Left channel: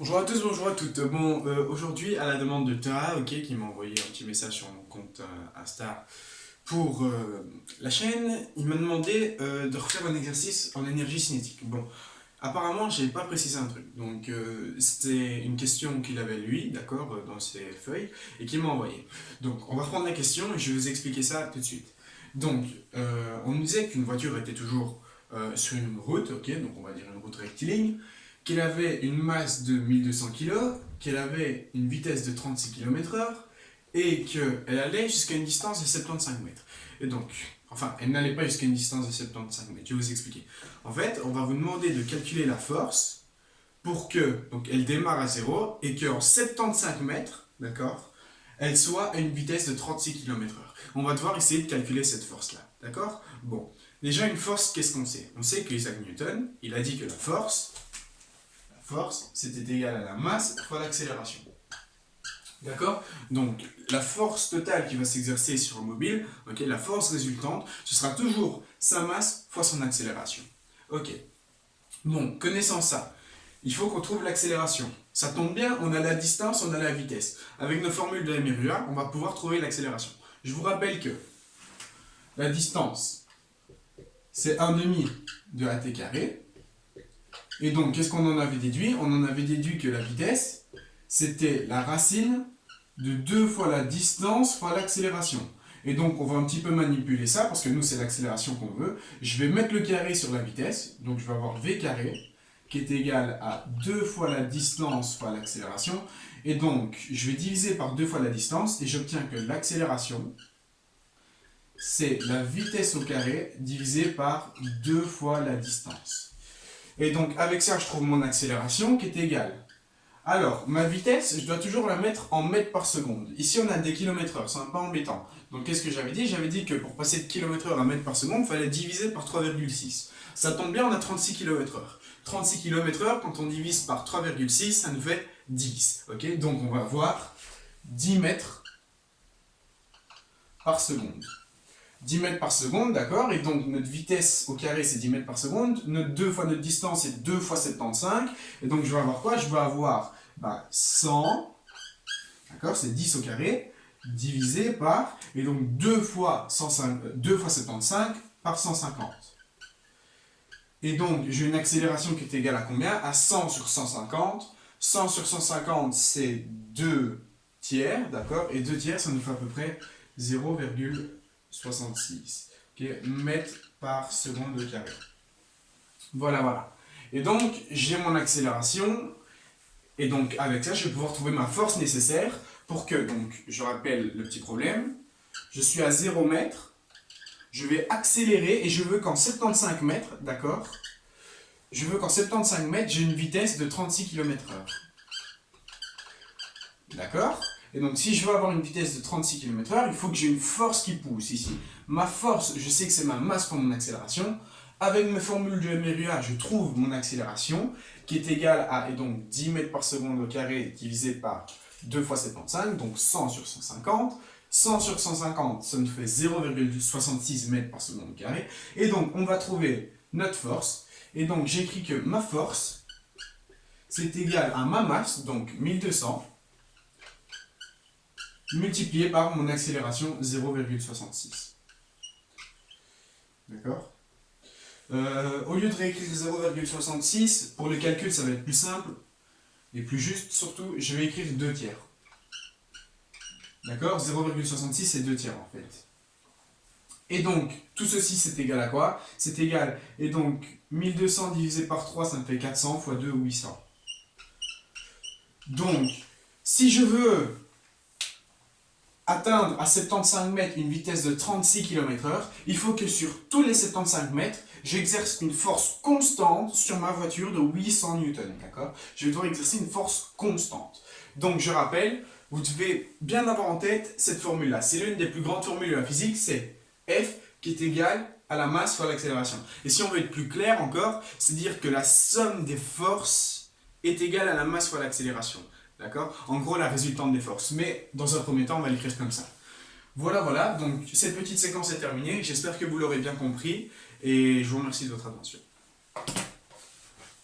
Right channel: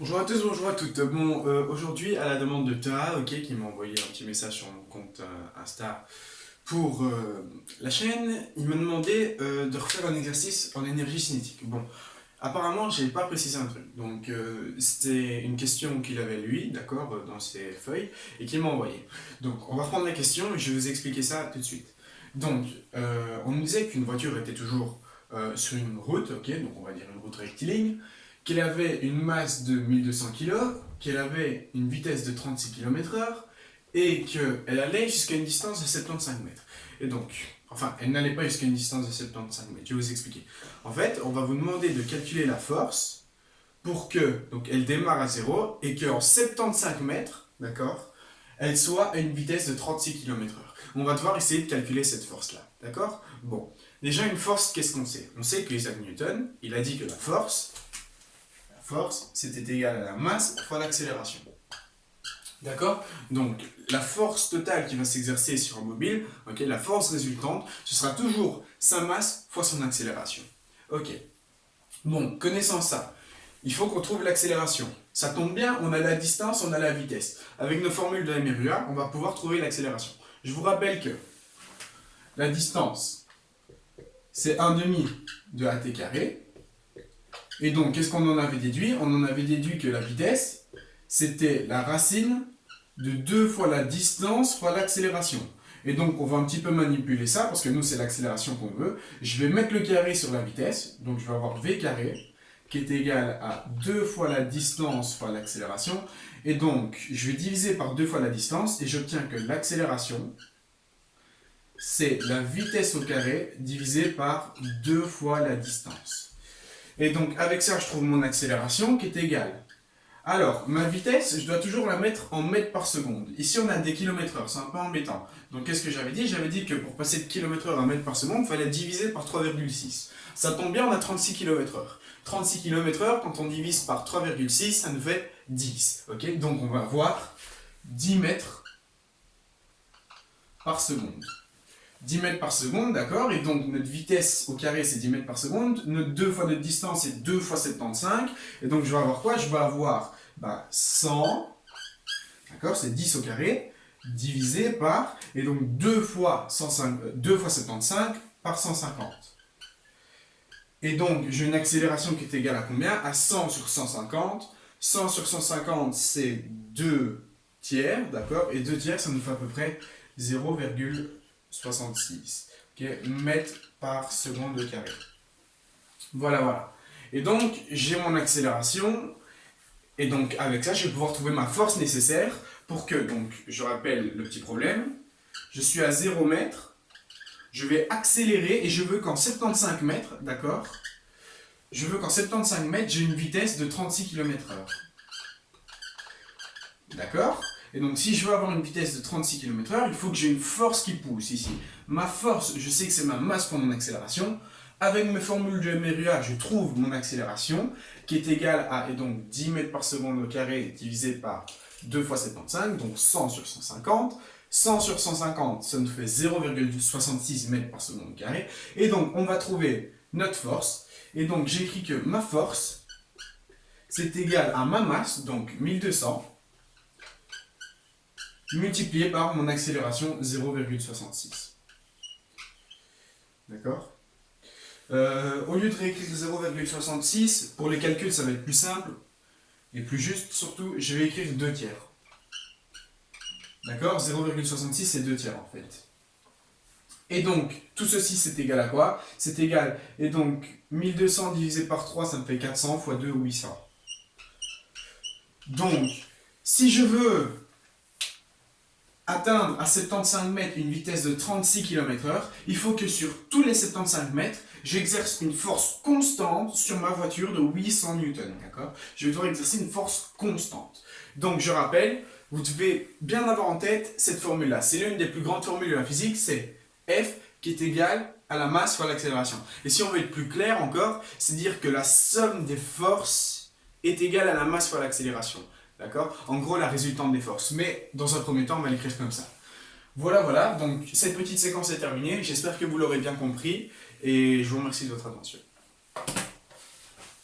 Bonjour à tous, bonjour à toutes. Bon, aujourd'hui, à la demande de Tara, ok, qui m'a envoyé un petit message sur mon compte Insta pour la chaîne, il m'a demandé de refaire un exercice en énergie cinétique. Bon, apparemment, je n'avais pas précisé un truc. Donc, c'était une question qu'il avait lui, d'accord, dans ses feuilles, et qu'il m'a envoyé. Donc, on va reprendre la question et je vais vous expliquer ça tout de suite. Donc, on nous disait qu'une voiture était toujours sur une route, ok, donc on va dire une route rectiligne, qu'elle avait une masse de 1200 kg, qu'elle avait une vitesse de 36 km/h et qu'elle allait jusqu'à une distance de 75 mètres. Et donc, enfin, elle n'allait pas jusqu'à une distance de 75 mètres, je vais vous expliquer. En fait, on va vous demander de calculer la force pour que, donc elle démarre à zéro et qu'en 75 mètres, d'accord, elle soit à une vitesse de 36 km/h. On va devoir essayer de calculer cette force-là, d'accord. Bon, déjà une force, qu'est-ce qu'on sait? On sait que Isaac Newton, il a dit que la force, c'était égal à la masse fois l'accélération. D'accord? Donc, la force totale qui va s'exercer sur un mobile, okay, la force résultante, ce sera toujours sa masse fois son accélération. Ok. Bon, connaissant ça, il faut qu'on trouve l'accélération. Ça tombe bien, on a la distance, on a la vitesse. Avec nos formules de Mérua, on va pouvoir trouver l'accélération. Je vous rappelle que la distance, c'est 1 demi de at carré. Et donc, qu'est-ce qu'on en avait déduit? On en avait déduit que la vitesse, c'était la racine de 2 fois la distance fois l'accélération. Et donc, on va un petit peu manipuler ça, parce que nous, c'est l'accélération qu'on veut. Je vais mettre le carré sur la vitesse, donc je vais avoir v carré, qui est égal à 2 fois la distance fois l'accélération. Et donc, je vais diviser par 2 fois la distance, et j'obtiens que l'accélération, c'est la vitesse au carré divisé par 2 fois la distance. Et donc, avec ça, je trouve mon accélération qui est égale. Alors, ma vitesse, je dois toujours la mettre en mètres par seconde. Ici, on a des km/h, c'est un peu embêtant. Donc, qu'est-ce que j'avais dit? J'avais dit que pour passer de km/h à mètres par seconde, il fallait diviser par 3,6. Ça tombe bien, on a 36 km/h. 36 km/h, quand on divise par 3,6, ça nous fait 10. Okay, donc, on va avoir 10 mètres par seconde. 10 mètres par seconde, d'accord? Et donc notre vitesse au carré c'est 10 mètres par seconde, notre 2 fois notre distance c'est 2 fois 75, et donc je vais avoir quoi? Je vais avoir 100, d'accord? C'est 10 au carré, divisé par, et donc 2 fois 75 par 150. Et donc j'ai une accélération qui est égale à combien? À 100 sur 150. 100 sur 150 c'est 2 tiers, d'accord? Et 2 tiers ça nous fait à peu près 0,66 mètres par seconde au carré. Voilà, voilà. Et donc, j'ai mon accélération. Et donc, avec ça, je vais pouvoir trouver ma force nécessaire pour que, donc, je rappelle le petit problème. Je suis à 0 mètre. Je vais accélérer et je veux qu'en 75 mètres, d'accord? Je veux qu'en 75 mètres, j'ai une vitesse de 36 km/h. D'accord? Et donc, si je veux avoir une vitesse de 36 km/h, il faut que j'ai une force qui pousse ici. Ma force, je sais que c'est ma masse pour mon accélération. Avec mes formules de Mérua, je trouve mon accélération, qui est égale à et donc 10 mètres par seconde au carré divisé par 2 fois 75, donc 100 sur 150. 100 sur 150, ça nous fait 0,66 mètres par seconde au carré. Et donc, on va trouver notre force. Et donc, j'écris que ma force, c'est égal à ma masse, donc 1200, multiplié par mon accélération 0,66. D'accord? Au lieu de réécrire 0,66, pour les calculs ça va être plus simple et plus juste surtout, je vais écrire 2 tiers. D'accord? 0,66 c'est 2 tiers en fait. Et donc, tout ceci c'est égal à quoi? C'est égal, et donc 1200 divisé par 3 ça me fait 400 fois 2 800. Donc, si je veux atteindre à 75 mètres une vitesse de 36 km/h, il faut que sur tous les 75 mètres, j'exerce une force constante sur ma voiture de 800 newtons. D'accord? Je vais devoir exercer une force constante. Donc je rappelle, vous devez bien avoir en tête cette formule-là. C'est l'une des plus grandes formules de la physique, c'est F qui est égal à la masse fois l'accélération. Et si on veut être plus clair encore, c'est dire que la somme des forces est égale à la masse fois l'accélération. D'accord? En gros, la résultante des forces. Mais dans un premier temps, on va l'écrire comme ça. Voilà, voilà. Donc, cette petite séquence est terminée. J'espère que vous l'aurez bien compris. Et je vous remercie de votre attention.